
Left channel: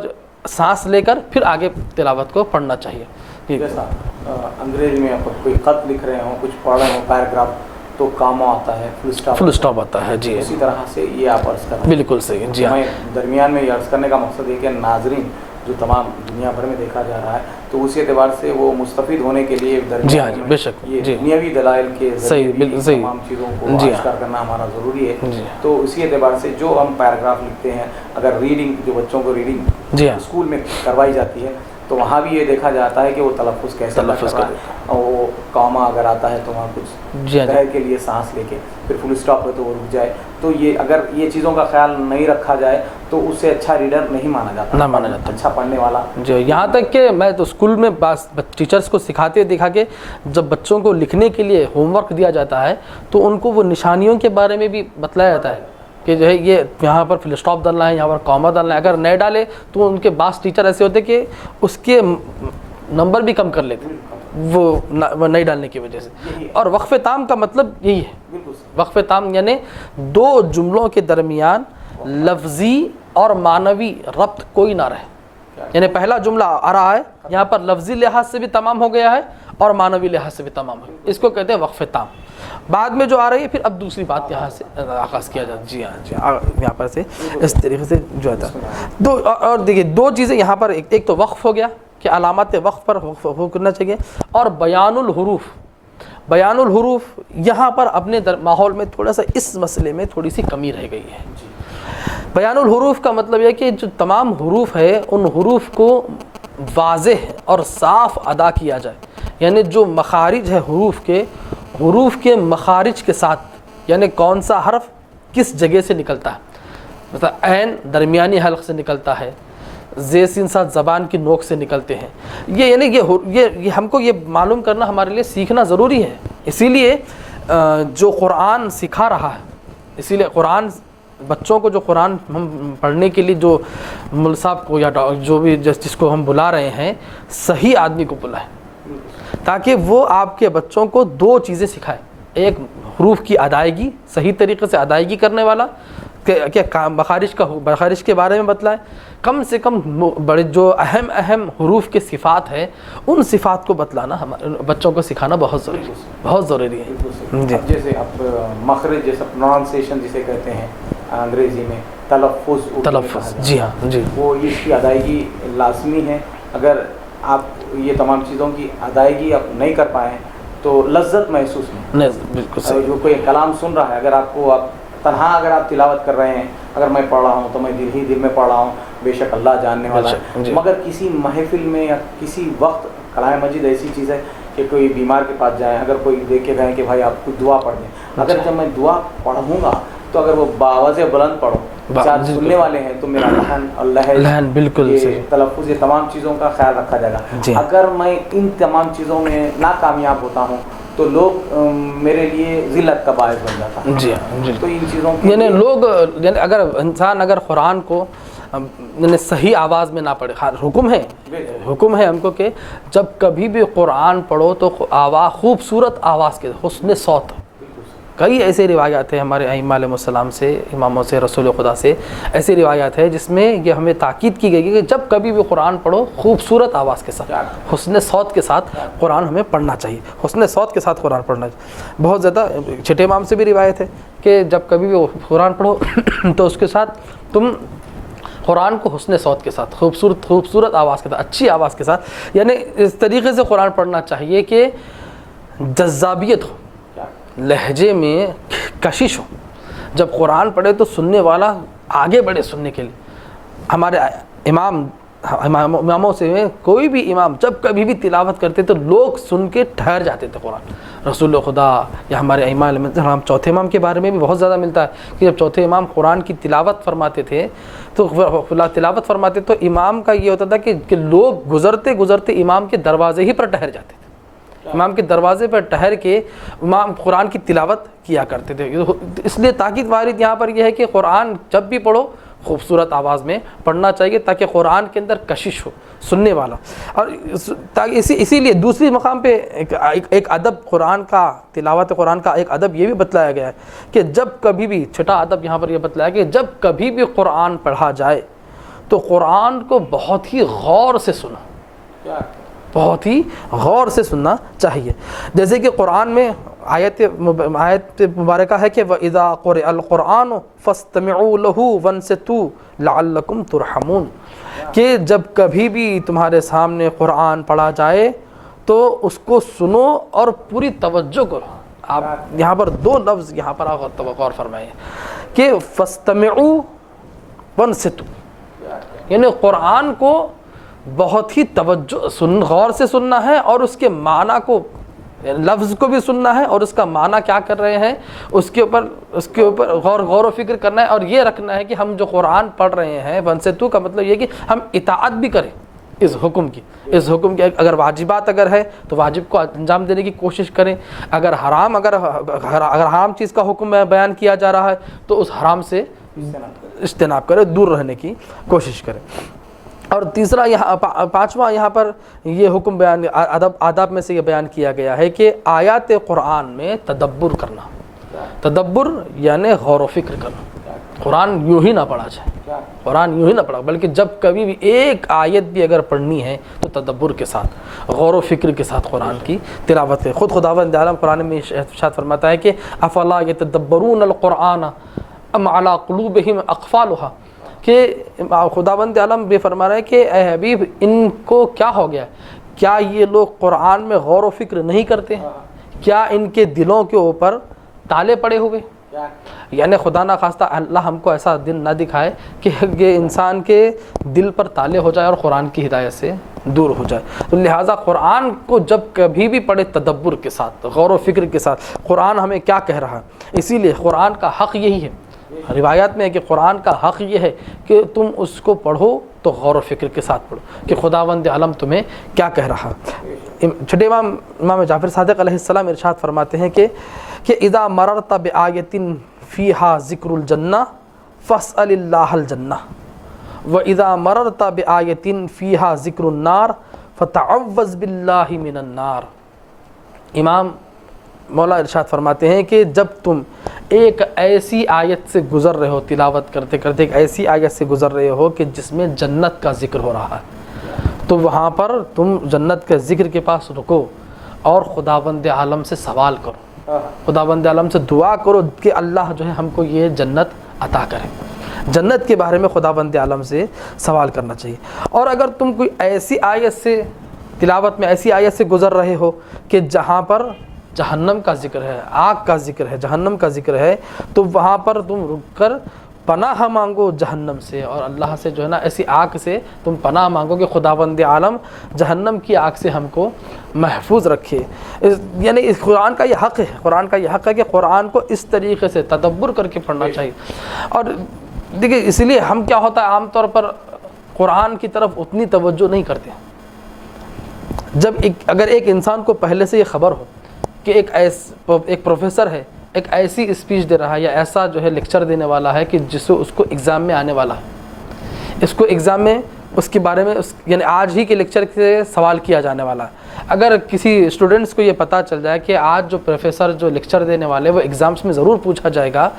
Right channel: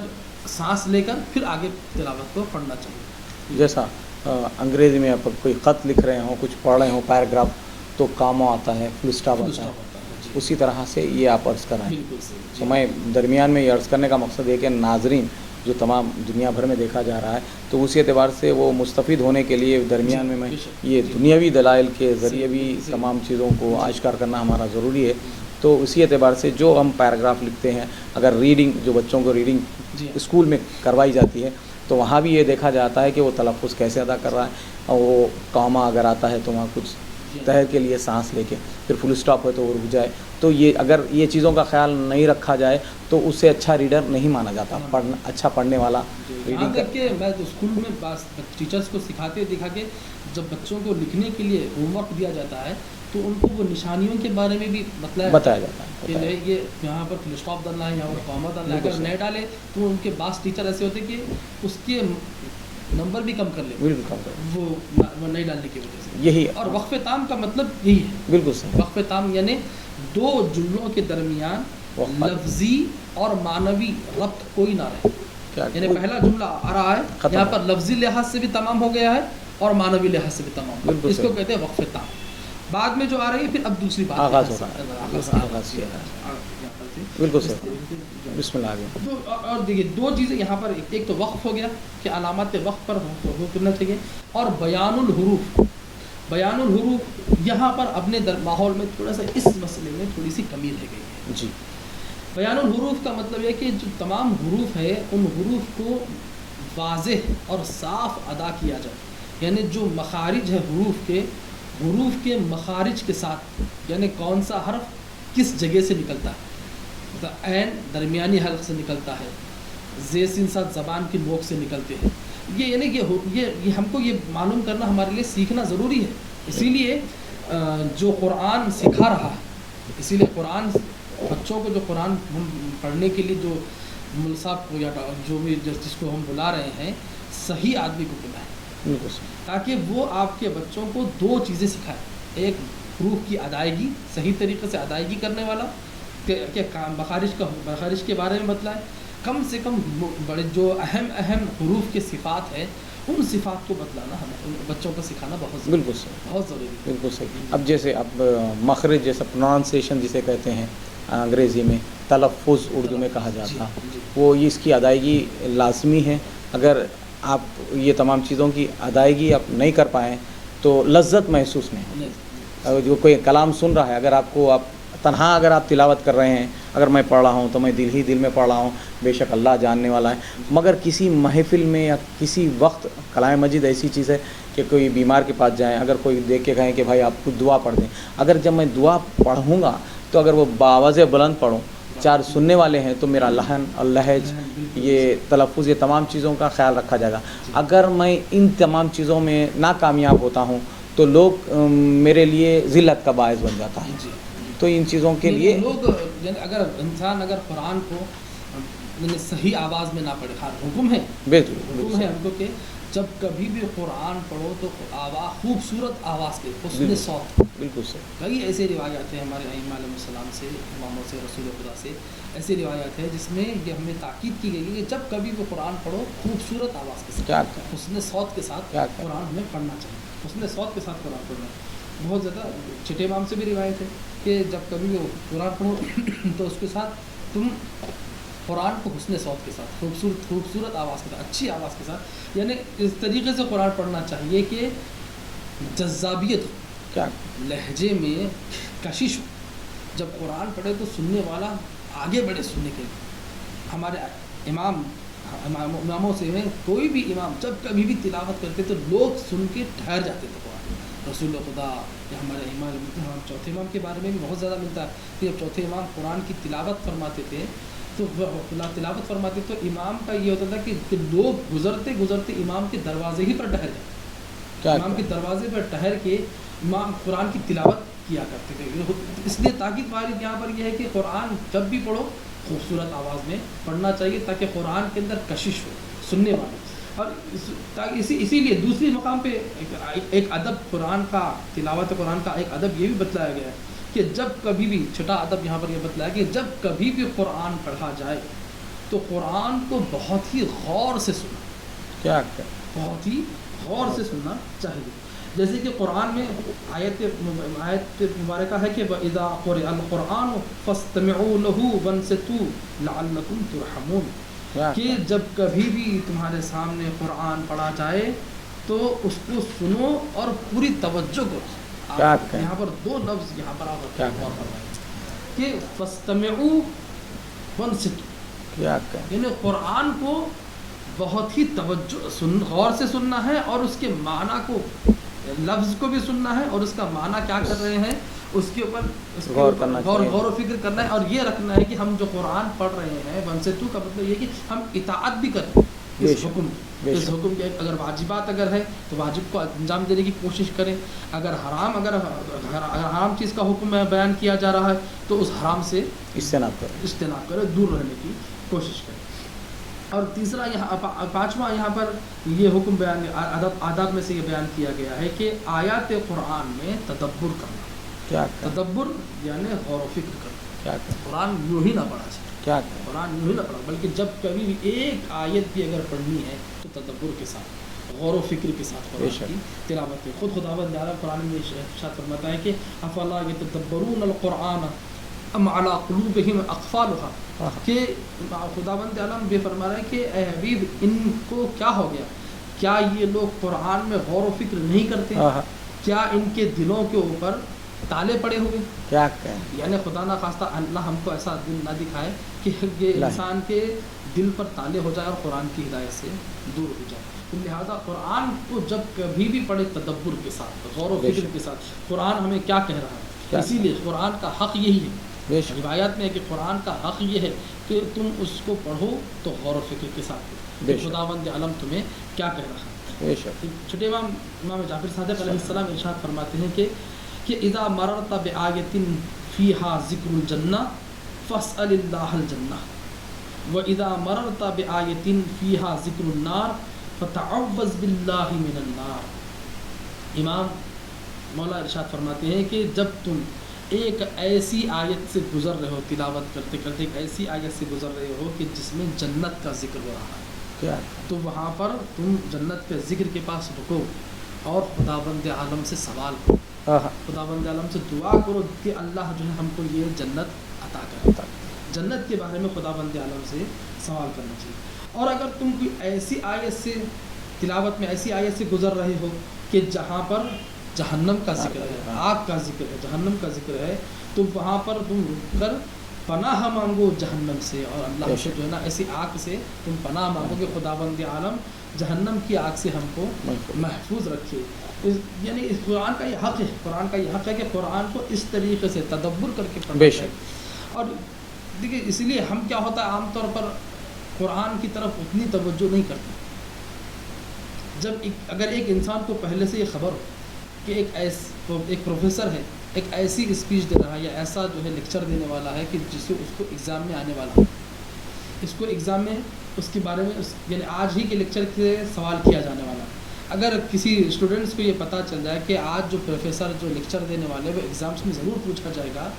سانس لے کر پھر آگے تلاوت کو پڑھنا چاہیے. جیسا انگریزی میں کوئی خط لکھ رہے ہوں، کچھ پڑھ رہے ہوں پیراگراف، تو کاموں آتا ہے، فل اسٹاپ آتا ہے. جی اسی طرح سے یہ آپ عرض کر رہے ہیں. بالکل صحیح. جی میں درمیان میں یہ عرض کرنے کا مقصد یہ کہ ناظرین جو تمام دنیا بھر میں دیکھا جا رہا ہے، تو اسی اعتبار سے وہ مستفید ہونے کے لیے درمیان میں بے شک یہ دنیاوی دلائل کے ذریعے بھی تمام چیزوں کو آشکار کرنا ہمارا ضروری ہے. تو اسی اعتبار سے جو ہم پیراگراف لکھتے ہیں، اگر ریڈنگ جو بچوں کو ریڈنگ اسکول میں کروائی جاتی ہے تو وہاں بھی یہ دیکھا جاتا ہے کہ وہ تلفظ کیسے ادا کر رہا ہے. وہ کاما اگر آتا ہے تو وہاں کچھ دیر کے لیے سانس لے کے پھر فل اسٹاپ ہو تو وہ رک جائے. تو یہ اگر یہ چیزوں کا خیال نہیں رکھا جائے تو اس سے اچھا ریڈر نہیں مانا جاتا، اچھا پڑھنے والا. جو یہاں تک کہ میں تو اسکول میں ٹیچرز کو سکھاتے دیکھا کہ جب بچوں کو لکھنے کے لیے ہوم ورک دیا جاتا ہے تو ان کو وہ نشانیوں کے بارے میں بھی بتلایا جاتا ہے کہ جو ہے یہ یہاں پر فل اسٹاپ ڈالنا ہے، یہاں پر کاما ڈالنا ہے. اگر نہیں ڈالے تو ان کے بعض ٹیچر ایسے ہوتے کہ اس کے نمبر بھی کم کر لیتے وہ نہیں ڈالنے کی وجہ سے. یہی اور وقف تام کا مطلب یہی ہے. بالکل صحیح. وقف تام یعنی دو جملوں کے درمیان لفظی اور معنوی ربط کوئی نہ رہے. یعنی پہلا جملہ آ رہا ہے، یہاں پر لفظی لحاظ سے بھی تمام ہو گیا ہے اور معنوی لحاظ سے بھی تمام ہو گیا. اس کو کہتے ہیں وقف تام. بعد میں جو آ رہی ہے پھر اب دوسری بات آغاز کیا جاتا ہے. جی ہاں، یہاں پر سے اس طریقے سے جو ہے اور دیکھیے دو چیزیں یہاں پر، ایک تو وقف ہو گیا کہ علامات وقف پر وہ کرنا چاہیے، اور بیان الحروف. بیان الحروف یہاں پر اپنے ماحول میں تھوڑا سا اس مسئلے میں تھوڑی سی کمی رہ گئی ہے. جی بیان الحروف کا مطلب یہ کہ جو تمام حروف ہے ان حروف کو واضح اور صاف ادا کیا جائے. یعنی جو مخارج ہے حروف کے مخارج کے ساتھ، یعنی کون سا حرف کس جگہ سے نکلتا ہے. مثلا عین درمیانی حلق سے نکلتا ہے، زیر سین ساتھ زبان کی نوک سے نکلتے ہیں. یہ یعنی یہ ہم کو یہ معلوم کرنا ہمارے لیے سیکھنا ضروری ہے. اسی لیے جو قرآن سکھا رہا ہے، اسی لیے قرآن بچوں کو جو قرآن ہم پڑھنے کے لیے جو مول صاحب کو یا جو بھی جس کو ہم بلا رہے ہیں، صحیح آدمی کو بلائیں تاکہ وہ آپ کے بچوں کو دو چیزیں سکھائے. ایک حروف کی ادائیگی، صحیح طریقے سے ادائیگی کرنے والا، کہ مخارج کے بارے میں بتلائے. کم سے کم بڑے جو اہم حروف کے صفات ہیں ان صفات کو بتلانا ہمارے بچوں کو سکھانا بہت ضروری ہے. اب جیسے اب مخرج جیسا پروننسیشن جسے کہتے ہیں انگریزی میں، تلفظ کہا جاتا ہے. جی ہاں جی، وہ اس کی ادائیگی لازمی ہے. اگر آپ یہ تمام چیزوں کی ادائیگی آپ نہیں کر پائیں تو لذت محسوس نہیں. بالکل. جو کوئی کلام سن رہا ہے، اگر آپ تنہا اگر آپ تلاوت کر رہے ہیں، اگر میں پڑھ رہا ہوں تو میں دل میں پڑھ رہا ہوں، بے شک اللہ جاننے والا ہے. مگر کسی محفل میں یا کسی وقت کلام مجید ایسی چیز ہے کہ کوئی بیمار کے پاس جائیں، اگر کوئی دیکھ کے کہیں کہ بھائی آپ کو دعا پڑھ دیں، اگر جب میں دعا پڑھوں گا تو اگر وہ باوازِ بلند پڑھوں، چار سننے والے ہیں تو میرا لحن اور لہن بالکل یہ تلفظ، یہ تمام چیزوں کا خیال رکھا جائے گا۔ اگر میں ان تمام چیزوں میں ناکامیاب ہوتا ہوں تو لوگ میرے لیے ذلت کا باعث بن جاتا ہے۔ جی ہاں، تو ان چیزوں کے یعنی لوگ، یعنی اگر انسان اگر قرآن کو یعنی صحیح آواز میں نہ پڑھے، حکم ہے ہم کو کہ جب کبھی بھی قرآن پڑھو تو خوبصورت آواز کے حسن صوت۔ بالکل سر، کئی ایسے روایات ہیں ہمارے ائمہ علیہ السلام سے، اماموں سے، رسول خدا سے، ایسی روایات ہے جس میں یہ ہمیں تاکید کی گئی ہے کہ جب کبھی بھی قرآن پڑھو خوبصورت آواز کے ساتھ، حسن صوت کے ساتھ قرآن ہمیں پڑھنا چاہیے، حسن صوت کے ساتھ قرآن پڑھنا چاہیے۔ بہت زیادہ چھٹے امام سے بھی روایت ہے کہ جب کبھی بھی قرآن پڑھو تو اس کے ساتھ تم قرآن کو حسن صوت کے ساتھ، خوبصورت آواز کے ساتھ، اچھی آواز کے ساتھ، یعنی اس طریقے سے قرآن پڑھنا چاہیے کہ جذابیت ہو، لہجے میں کشش ہو۔ جب قرآن پڑھے تو سننے والا آگے بڑھے سننے کے لیے۔ ہمارے اماموں سے کوئی بھی امام جب کبھی بھی تلاوت کرتے تو لوگ سن کے ٹھہر جاتے تھے قرآن۔ رسول خدا یا ہمارے ائمہ علیہ السلام، چوتھے امام کے بارے میں بھی بہت زیادہ ملتا ہے کہ جب چوتھے امام قرآن کی تلاوت فرماتے تھے تو امام کا یہ ہوتا تھا کہ لوگ گزرتے گزرتے امام کے دروازے ہی پر ٹھہر جاتے، امام کے دروازے پر ٹھہر کے امام قرآن کی تلاوت کیا کرتے تھے۔ اس لیے تاکید وارد یہاں پر یہ ہے کہ قرآن جب بھی پڑھو خوبصورت آواز میں پڑھنا چاہیے تاکہ قرآن کے اندر کشش ہو سننے والا۔ اور اسی لیے دوسری مقام پہ ایک ادب قرآن کا، تلاوت قرآن کا ایک ادب یہ بھی بتلایا گیا ہے کہ جب کبھی بھی، چھٹا ادب یہاں پر یہ بتلایا کہ جب کبھی بھی قرآن پڑھا جائے تو قرآن کو بہت ہی غور سے سنا، بہت ہی غور سے سننا چاہیے۔ جیسے کہ قرآن میں آیت مبارکہ ہے کہ وَإِذَا قُرِئَ الْقُرْآنُ فَاسْتَمِعُوا لَهُ وَانصِتُوا لَعَلَّكُمْ تُرْحَمُونَ، کہ جب کبھی بھی تمہارے سامنے قرآن پڑھا جائے تو اس کو سنو اور پوری توجہ کرو۔ آپ یہاں پر دو لفظ یہاں پر آپ غور فرمائیں کہ فَاسْتَمِعُوا وَانصِتُوا، یعنی قرآن کو بہت ہی غور سے سننا ہے اور اس کے معنی کو، لفظ کو بھی سننا ہے اور اس کا معنی کیا کر رہے ہیں اس کے اوپر غور و فکر کرنا ہے، اور یہ رکھنا ہے کہ ہم جو قرآن پڑھ رہے ہیں وَانصِتُوا کا مطلب یہ کہ ہم اطاعت بھی کریں اس حکم کی، اگر واجبات اگر ہے تو واجب کو انجام دینے کی کوشش کریں، اگر حرام چیز کا حکم بیان کیا جا رہا ہے تو اس حرام سے اجتناب کرے، دور رہنے کی کوشش کریں۔ اور تیسرا پانچواں یہاں پر یہ حکم بیان آداب میں سے یہ بیان کیا گیا ہے کہ آیات قرآن میں تدبر کرنا، تدبر یعنی غور و فکر کرنا۔ قرآن یوں ہی نہ پڑھا جائے، قرآن یوں ہی نہ پڑھا، بلکہ جب کبھی بھی ایک آیت بھی اگر پڑھنی ہے تو تدبر کے ساتھ، غور و فکر کے ساتھ قرآن کی تلاوت ہے۔ خود خداوند عالم قرآن میں ارشاد فرماتا ہے کہ افلا یتدبرون القرآن ام علی قلوبہم اقفالھا، کہ خداوند عالم بھی فرما رہا ہے کہ اے حبیب ان کو کیا ہو گیا، کیا یہ لوگ قرآن میں غور و فکر نہیں کرتے، کیا ان کے دلوں کے اوپر تالے پڑے ہوئے؟ یعنی خدا نہ خواستہ اللہ ہم کو ایسا دل نہ دکھائے کہ یہ انسان کے دل پر تالے ہو جائے اور قرآن کی ہدایت سے دور ہو جائے۔ تو لہٰذا قرآن کو جب کبھی بھی پڑھے تدبر کے ساتھ، غور و فکر کے ساتھ، قرآن ہمیں کیا کہہ رہا ہے۔ اسی لیے قرآن کا حق یہی ہے، روایات میں ہے کہ قرآن کا حق یہ ہے کہ تم اس کو پڑھو تو غور و فکر کے ساتھ پڑھو کہ خداوند عالم تمہیں کیا کہہ رہا ہے۔ چھٹے امام جعفر صادق علیہ السلام ارشاد فرماتے ہیں کہ اذا مررت بآیۃ فیہا ذکر الجنہ فاسأل اللہ الجنہ وَإِذَا مَرَرْتَ بِآیَةٍ فِيهَا ذِکْرُ النَّارِ فَتَعَوَّذْ بِاللَّهِ مِنَ النَّارِ۔ امام مولا ارشاد فرماتے ہیں کہ جب تم ایک ایسی آیت سے گزر رہے ہو، تلاوت کرتے کرتے ایک ایسی آیت سے گزر رہے ہو کہ جس میں جنت کا ذکر ہو رہا ہے، تو وہاں پر تم جنت کے ذکر کے پاس رکو اور خداوند عالم سے سوال کرو، خداوند عالم سے دعا کرو کہ اللہ جو ہے ہم کو یہ جنت عطا کرے۔ جنت کے بارے میں خداوند عالم سے سوال کرنا چاہیے۔ اور اگر تم کوئی ایسی آیت سے، تلاوت میں ایسی آیت سے گزر رہے ہو کہ جہاں پر جہنم کا ذکر ہے، آگ کا ذکر ہے، جہنم کا ذکر ہے، تو وہاں پر تم رک کر پناہ مانگو جہنم سے، اور اللہ سے جو ہے نا ایسی آگ سے تم پناہ مانگو کہ خداوند عالم جہنم کی آگ سے ہم کو محفوظ رکھے۔ یعنی اس قرآن کا یہ حق ہے، قرآن کا یہ حق ہے کہ قرآن کو اس طریقے سے تدبر کر کے پڑھنا چاہیے. اور دیکھیے اسی لیے ہم کیا ہوتا ہے عام طور پر قرآن کی طرف اتنی توجہ نہیں کرتے. جب اگر ایک انسان کو پہلے سے یہ خبر ہو کہ ایک پروفیسر ہے، ایک ایسی اسپیچ دے رہا ہے یا ایسا جو ہے لیکچر دینے والا ہے کہ جس سے اس کو ایگزام میں آنے والا ہے، اس کو ایگزام میں اس کے بارے میں یعنی آج ہی کے لیکچر سے سوال کیا جانے والا ہے. اگر کسی اسٹوڈنٹس کو یہ پتہ چل جائے کہ آج جو پروفیسر جو لیکچر دینے والے وہ ایگزامس میں ضرور پوچھا جائے گا،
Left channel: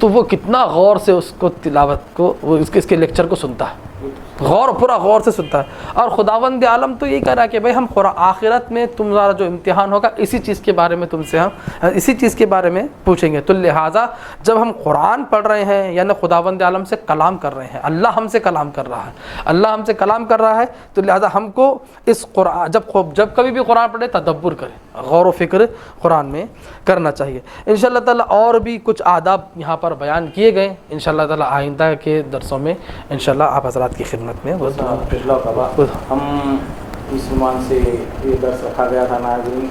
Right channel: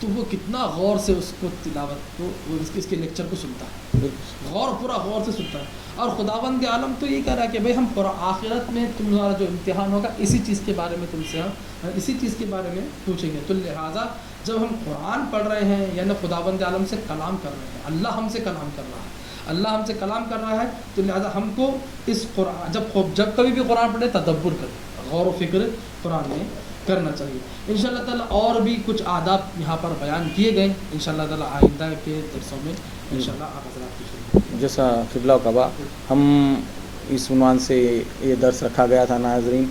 تو وہ کتنا غور سے اس کو تلاوت کو وہ اس کے لیکچر کو سنتا ہے، پورا غور سے سنتا ہے. اور خداوند عالم تو یہی کہہ رہا ہے کہ بھائی ہم آخرت میں تمہارا جو امتحان ہوگا اسی چیز کے بارے میں ہم اسی چیز کے بارے میں پوچھیں گے. تو لہٰذا جب ہم قرآن پڑھ رہے ہیں یعنی خداوند عالم سے کلام کر رہے ہیں، اللہ ہم سے کلام کر رہا ہے، اللہ ہم سے کلام کر رہا ہے، تو لہٰذا ہم کو اس قرآن جب کبھی بھی قرآن پڑھے تدبر کریں، غور و فکر قرآن میں کرنا چاہیے. انشاءاللہ تعالیٰ اور بھی کچھ آداب یہاں پر بیان کیے گئے، انشاءاللہ تعالیٰ آئندہ کے درسوں میں انشاءاللہ آپ حضرات کی خدمت میں. ہم اس عنوان سے یہ درس رکھا گیا تھا ناظرین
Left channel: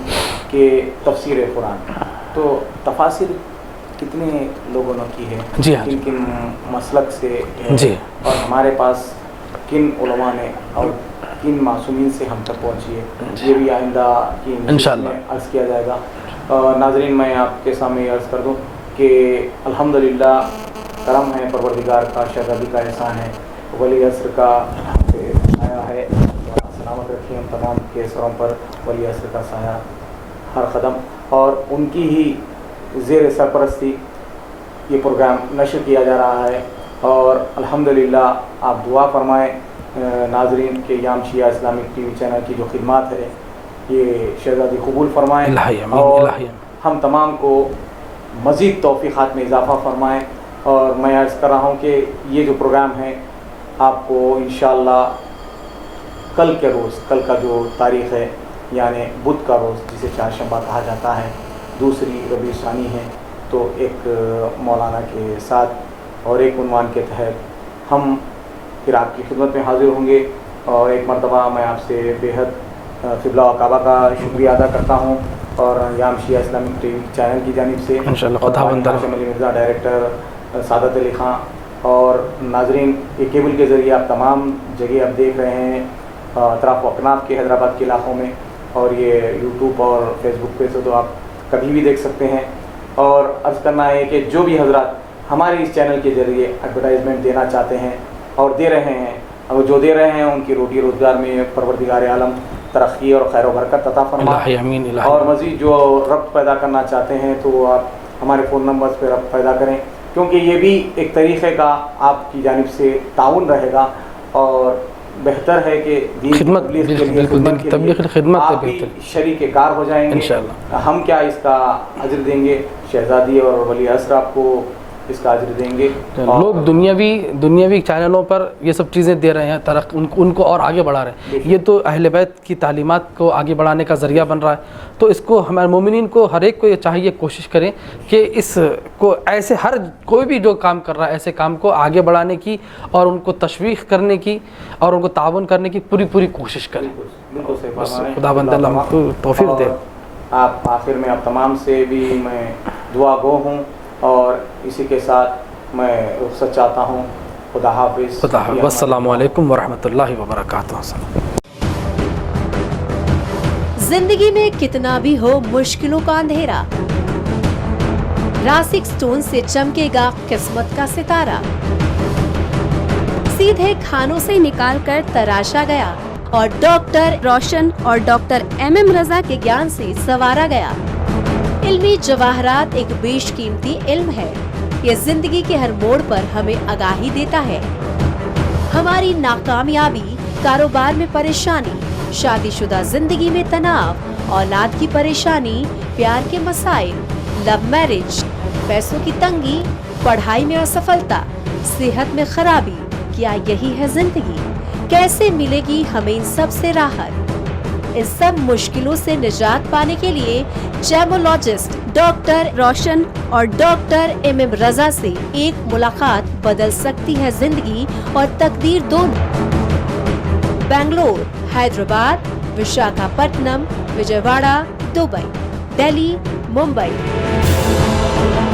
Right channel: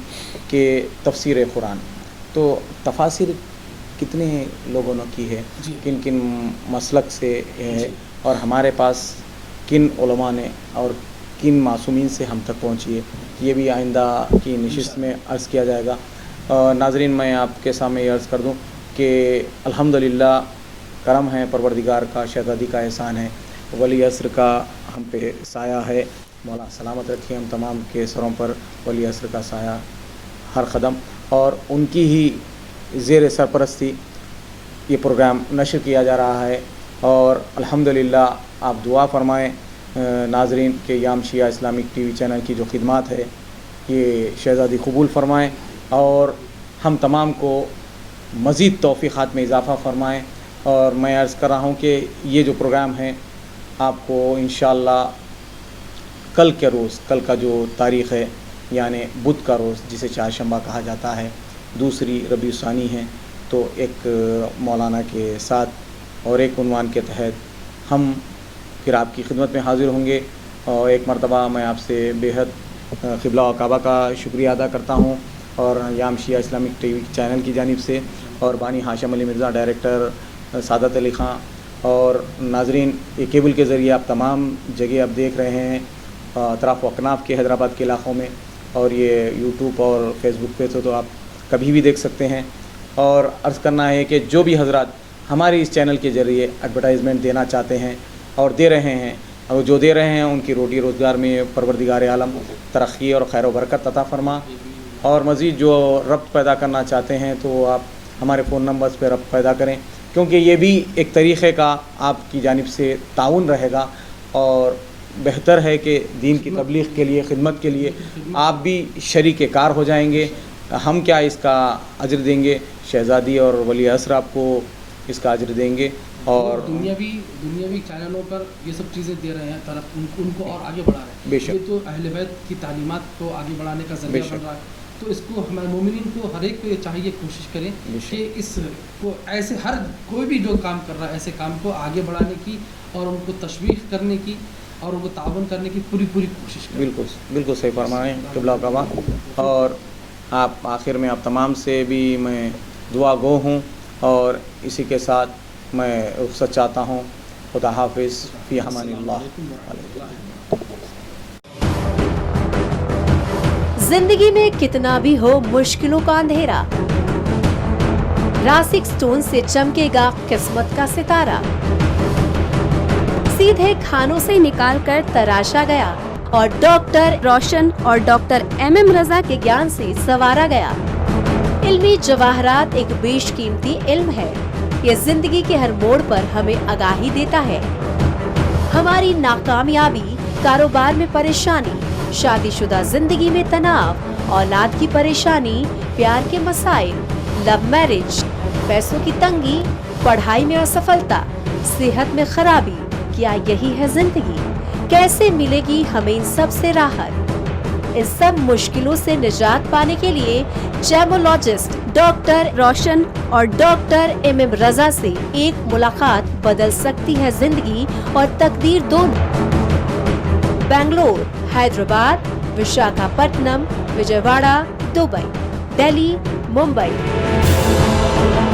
کہ تفسیر قرآن، تو تفاسیر کتنے لوگوں نے کی ہے، کن کن مسلک سے ہے، اور ہمارے پاس کن علماء نے اور کن معصومین سے ہم تک پہنچی ہے، یہ بھی آئندہ کی نشست میں عرض کیا جائے گا. ناظرین میں آپ کے سامنے یہ عرض کر دوں کہ الحمدللہ کرم ہے پروردگار کا، شہزادی کا احسان ہے، ولی عصر کا سایہ ہے. سلامت رکھیں ہم تمام کے سروں پر ولی عصر کا سایہ ہر قدم، اور ان کی ہی زیر سرپرستی یہ پروگرام نشر کیا جا رہا ہے. اور الحمدللہ آپ دعا فرمائیں ناظرین کہ یام شیعہ اسلامک ٹی وی چینل کی جو خدمات ہے یہ شہزادی قبول فرمائیں، اور ہم تمام کو مزید توفیقات میں اضافہ فرمائیں. اور میں عرض کر رہا ہوں کہ یہ جو پروگرام ہے آپ کو انشاءاللہ کل کے روز، کل کا جو تاریخ ہے یعنی بدھ کا روز جسے چہارشنبہ کہا جاتا ہے، دوسری ربیع الثانی ہے، تو ایک مولانا کے ساتھ اور ایک عنوان کے تحت ہم پھر آپ کی خدمت میں حاضر ہوں گے. اور ایک مرتبہ میں آپ سے بے حد قبلہ و کعبہ کا شکریہ ادا کرتا ہوں، اور یام شیعہ اسلامک ٹی وی چینل کی جانب سے اور ہاشم علی مرزا ڈائریکٹر، سعادت علی خان، اور ناظرین یہ کیبل کے ذریعے آپ تمام جگہ آپ دیکھ رہے ہیں اطراف و اکناف کے حیدرآباد کے علاقوں میں، اور یہ یوٹیوب اور فیس بک پہ تو آپ کبھی بھی دیکھ سکتے ہیں. اور عرض کرنا ہے کہ جو بھی حضرات ہماری اس چینل کے ذریعے ایڈورٹائزمنٹ دینا چاہتے ہیں اور دے رہے ہیں، اور جو دے رہے ہیں ان کی روٹی روزگار میں پروردگار عالم ترقی اور خیر و برکت عطا فرمائے. اور مزید جو ربط پیدا کرنا چاہتے ہیں تو آپ ہمارے فون نمبرز پہ ربط پیدا کریں، کیونکہ یہ بھی ایک طریقے کا آپ کی جانب سے تعاون رہے گا، اور بہتر ہے کہ دین کی تبلیغ کے لیے، خدمت کے لیے آپ بھی شریک کار ہو جائیں گے. ہم کیا اس کا اجر دیں گے، شہزادی اور ولی عصر آپ کو اس کا اجر دیں گے. لوگ دنیاوی چینلوں پر یہ سب چیزیں دے رہے ہیں، ان کو اور آگے بڑھا رہے ہیں. یہ تو اہل بیت کی تعلیمات کو آگے بڑھانے کا ذریعہ بن رہا ہے. تو اس کو ہمارے مومنین کو ہر ایک کو یہ چاہیے کوشش کریں کہ اس کو ایسے ہر کوئی بھی جو کام کر رہا ہے ایسے کام کو آگے بڑھانے کی اور ان کو تشویق کرنے کی اور ان کو تعاون کرنے کی پوری کوشش کریں. بالکل صحیح فرمائیں. خداوند اللہ کو توفیق دے. آپ آخر میں آپ تمام سے بھی میں دعا گو ہوں، اور اسی کے ساتھ میں رخصت چاہتا ہوں. خدا حافظ. السلام علیکم ورحمۃ اللہ وبرکاتہ. زندگی میں کتنا بھی ہو مشکلوں کا اندھیرا، راسک سٹون سے چمکے گا قسمت کا ستارہ. سیدھے کھانوں سے نکال کر تراشا گیا اور ڈاکٹر روشن اور ڈاکٹر ایم رضا کے گیان سے سنوارا گیا. علمی جواہرات ایک بیش قیمتی علم ہے. یہ زندگی کے ہر موڑ پر ہمیں آگاہی دیتا ہے. ہماری ناکامیابی، کاروبار میں پریشانی، شادی شدہ زندگی میں تناؤ، اولاد کی پریشانی، پیار کے مسائل، لو میرج، پیسوں کی تنگی، پڑھائی میں اسفلتا، صحت میں خرابی، کیا یہی ہے زندگی؟ کیسے ملے گی ہمیں ان سب سے راحت؟ ان سب مشکلوں سے نجات پانے کے لیے جیمولوجسٹ ڈاکٹر روشن اور ڈاکٹر ایم رضا سے ایک ملاقات بدل سکتی ہے زندگی اور تقدیر دونوں. بنگلور، حیدرآباد، وشاکھاپٹنم، وجے Wada, Dubai, Delhi, Mumbai.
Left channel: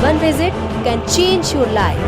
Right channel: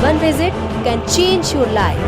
One visit can change your life.